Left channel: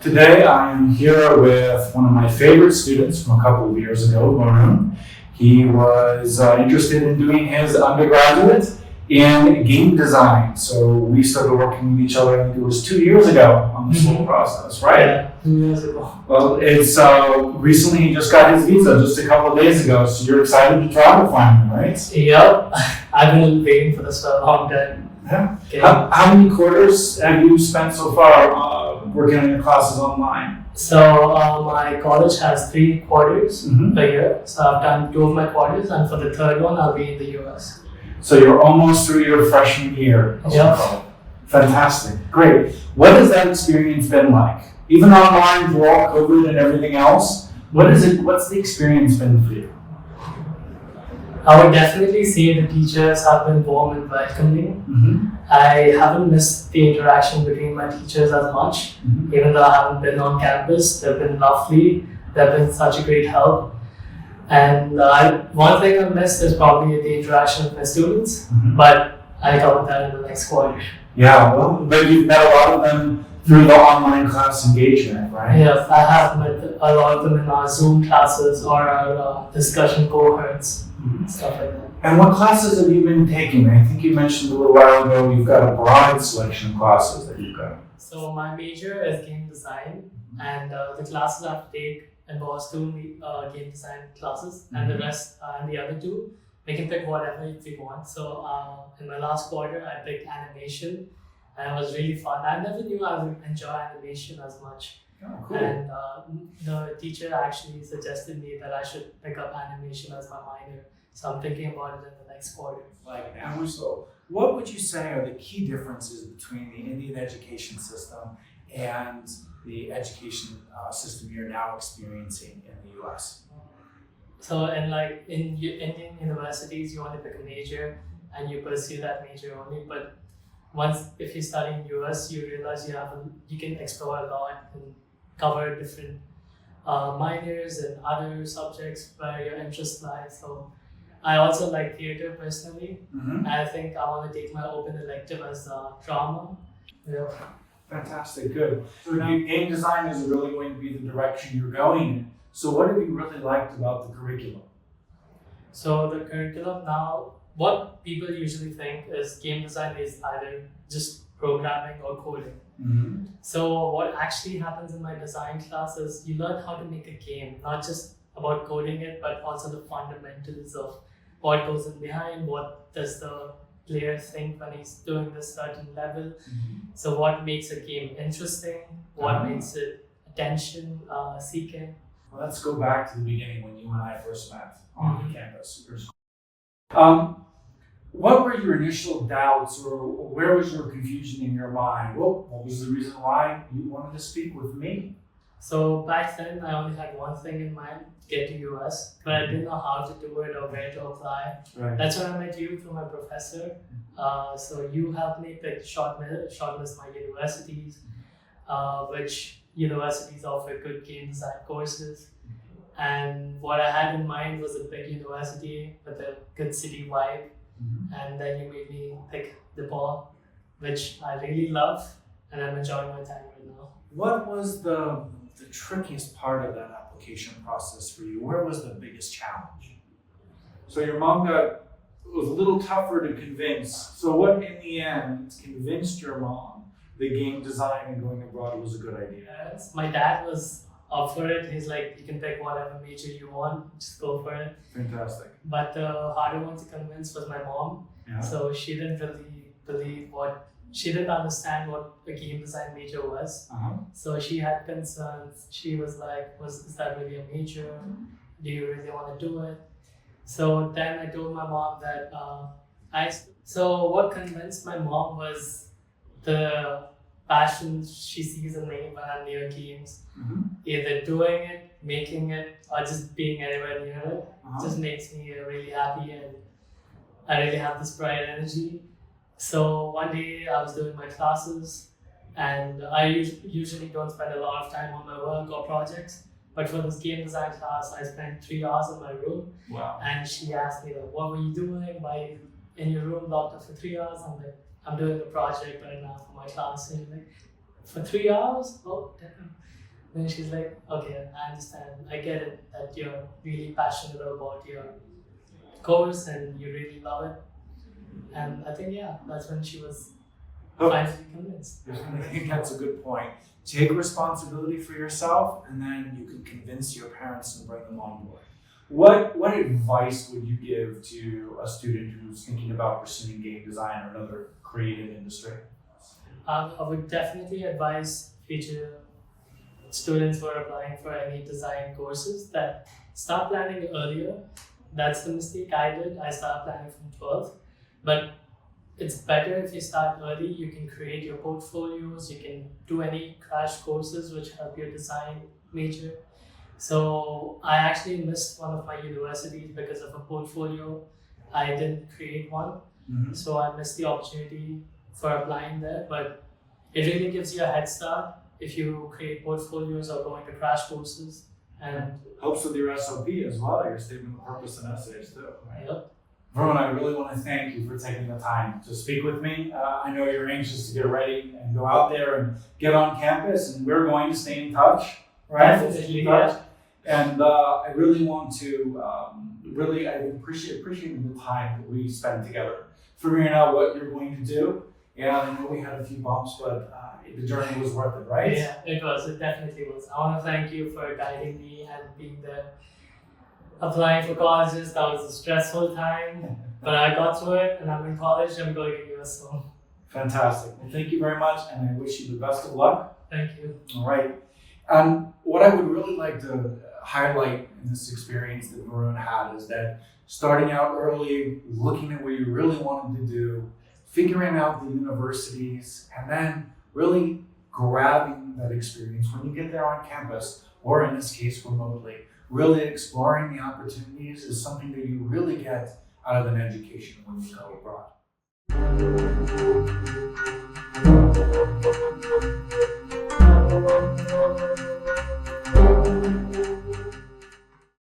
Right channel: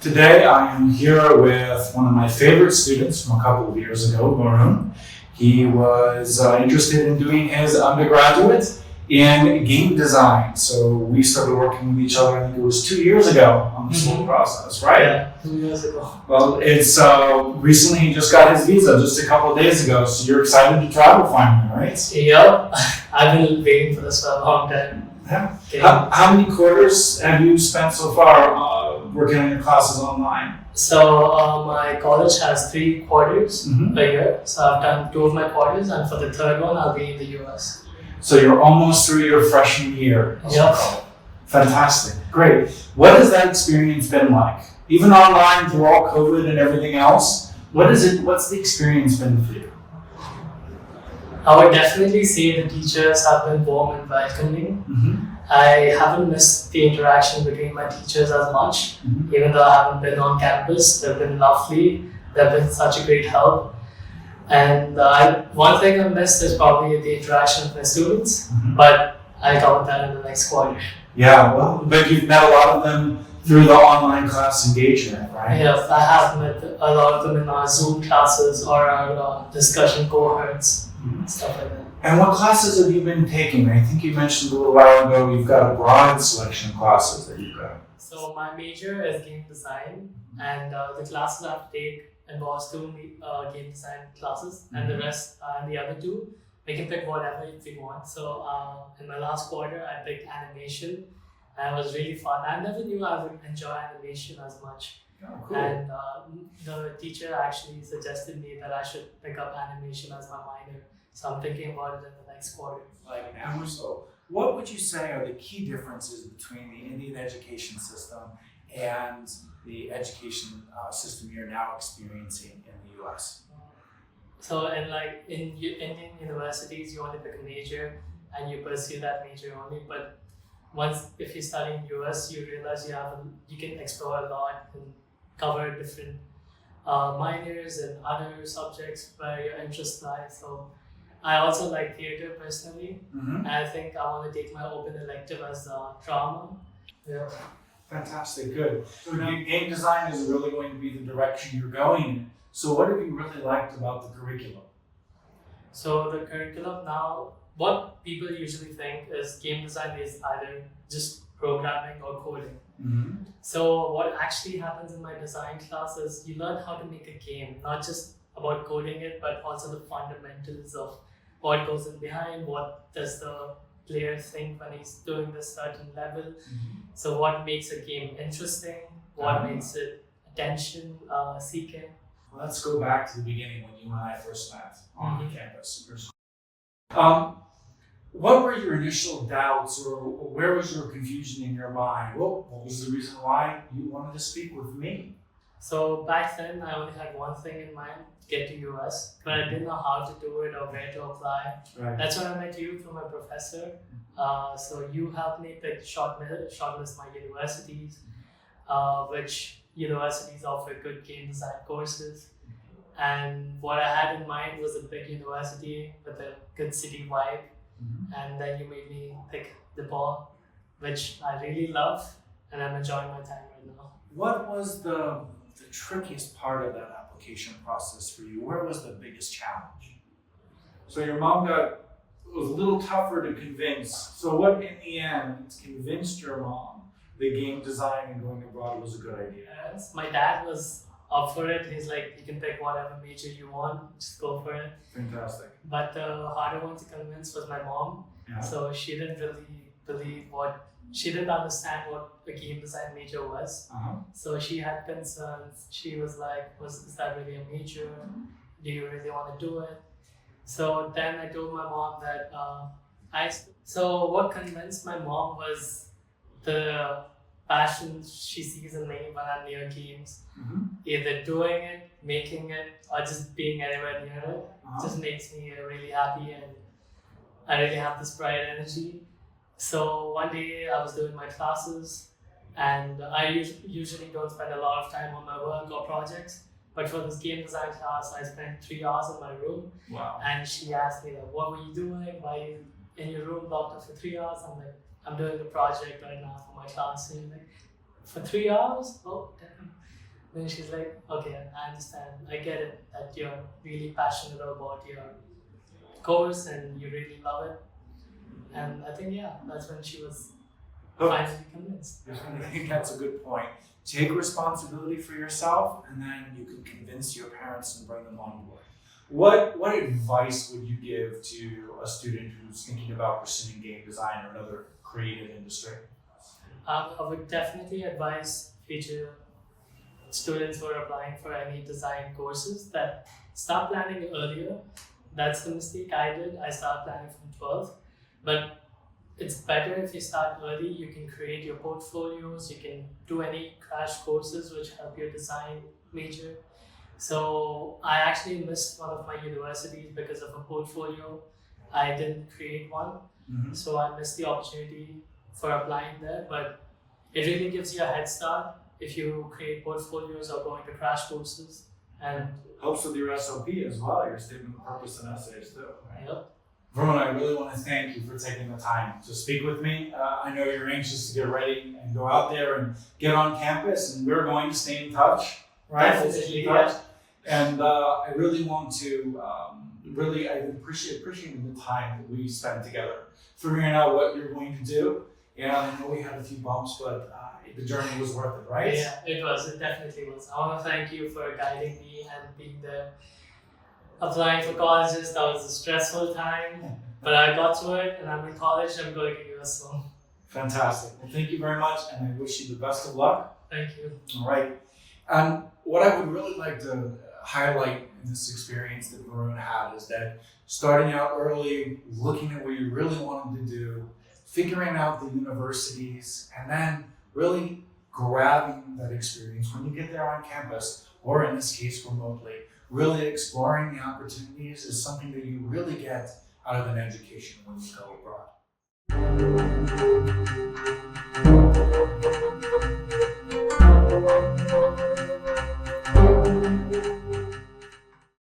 Today I am here with one of my favorite students from a couple of years ago, Varun. He was interested in doing his undergraduate in game design. So we started working with each other, I think it was 2 years ago on this whole process, right? Yeah, 2 years ago. Well, it's recently he just got his visa just a couple of days ago, so you're excited to travel finally, right? Yep, I've been waiting for this for a long time. Yeah. Okay. How many quarters have you spent so far working on your classes online? So my college has 3 quarters Mhm. a year. So I've done 2 of my quarters, and for the third one, I'll be in the US. So you're almost through your freshman year. as we Yeah. call it. Fantastic. Great. What has that experience been like? Even online through all COVID and everything else, what's the experience been for you? I would definitely say the teachers have been warm and welcoming. Mm-hmm. I haven't missed the interaction between my teachers as much, Mhm. even though I haven't been on campus. They've been lovely. They've been such a great help. And one thing I missed is probably the interaction with my students, Mhm. but I covered that in the next quarter. Yeah, well, but you've met a lot of them through the online class engagement, right? Yes, I have met a lot of them in our Zoom classes or our discussion cohorts, Mhm. stuff like that. And what classes have you been taking? I think you mentioned a little while ago you've got a broad selection of classes that you've got. So my major is game design, and the classes I have to take involves 2 game design classes, and the rest and the other 2 we can pick whatever if we want. So in my last quarter I picked animation, and it was really fun. I never knew I would enjoy animation as much, Oh, cool. and the teacher actually suggested me that I should pick up animation as my minor. So I'm thinking about it in the next quarter. Like now, so what would you say are the key differences between the Indian education system and the education system you're now experiencing in the US? So in Indian universities, you only pick a major and you pursue that major only. But if you study in US, you realize you can explore a lot and cover different minors and other subjects where your interests lie. So I also like theater personally. Mm-hmm. I think I want to take my open elective as drama. Yeah. Fantastic, good. So game design is really going to be the direction you're going in. So what have you really liked about the curriculum? So the curriculum now, what people usually think is game design is either just programming or coding. Mm-hmm. So what actually happens in my design class is you learn how to make a game, not just about coding it, but also the fundamentals of what goes in behind, what does the player think when he's doing this certain level. Mm-hmm. So what makes a game interesting, what makes it attention seeking. Well, let's go back to the beginning when you and I first met on Mhm. campus. Your school. What were your initial doubts, or where was your confusion in your mind? What was the reason why you wanted to speak with me? So back then, I only had one thing in mind: get to US, but I didn't know how to do it or where to apply. Right. That's when I met you through my professor. So you helped me pick shortlist my universities, which universities offer good game design courses. And what I had in mind was a big university with a good city vibe. Mhm. And then you made me pick DePaul, which I really love, and I'm enjoying my time right now. What was the trickiest part of that application process for you? Where was the biggest challenge? So your mom was a little tougher to convince. So what in the end convinced your mom that game design and going abroad was a good idea? Yes, my dad was up for it. He's like, you can pick whatever major you want, just go for it. Fantastic. But the harder one to convince was my mom. Yeah. So she didn't really she didn't understand what a game design major was. Uh-huh. So she had concerns. She was like, is that really a major? Do you really want to do it? So then I told my mom that so what convinced my mom was the passion she sees in me when I'm near games. Mm-hmm. Either doing it, making it, or just being anywhere near it. Uh-huh. Just makes me really happy, and I really have this bright energy. So one day I was doing my classes, and I usually don't spend a lot of time on my work or projects. But for this game design class, I spent 3 hours in my room. Wow. And she asked me, like, what were you doing? Why in your room locked up for 3 hours. I'm like, I'm doing a project right now for my class. And you're like, for 3 hours? Oh, damn. Then she's like, okay, I understand. I get it that you're really passionate about your course and you really love it. And I think, yeah, that's when she was finally convinced. I think that's a good point. Take responsibility for yourself, and then you can convince your parents and bring them on board. What advice would you give to a student who's thinking about pursuing game design or another creative industry? I would definitely advise future students who are applying for any design courses that start planning earlier. That's the mistake I did. I started planning from 12th, but it's better if you start early. You can create your portfolios, you can do any crash courses which help your design major. So I actually missed one of my universities because of a portfolio. I didn't create one, so I missed the opportunity for applying there. But it really gives you a head start if you create portfolios or go into crash courses. And helps with your SOP as well, your statement of purpose and essays too. Right? yep. Varun, I really want to thank you for taking the time to speak with me. I know you're anxious to get ready and go out there and get on campus, and we're going to stay in touch, right? Definitely, yeah. And I really want to, I appreciate the time that we spent together, figuring out what you're going to do. And I know we had a few bumps, but the journey was worth it, right? Yeah, it was. It definitely was. I want to thank you for guiding me and being there. Applying for colleges, that was a stressful time, but I got through it, and I'm in college. I'm going to US soon. Fantastic. Well, thank you very much, and I wish you the best of luck. Thank you. All right. And what I would really like to highlight in this experience that Varun had is that starting out early, looking at what you really wanted to do, figuring out the universities, and then really grabbing that experience when you get there on campus, or in this case, remotely. Really exploring the opportunities is something that you really get out of an education when you go abroad.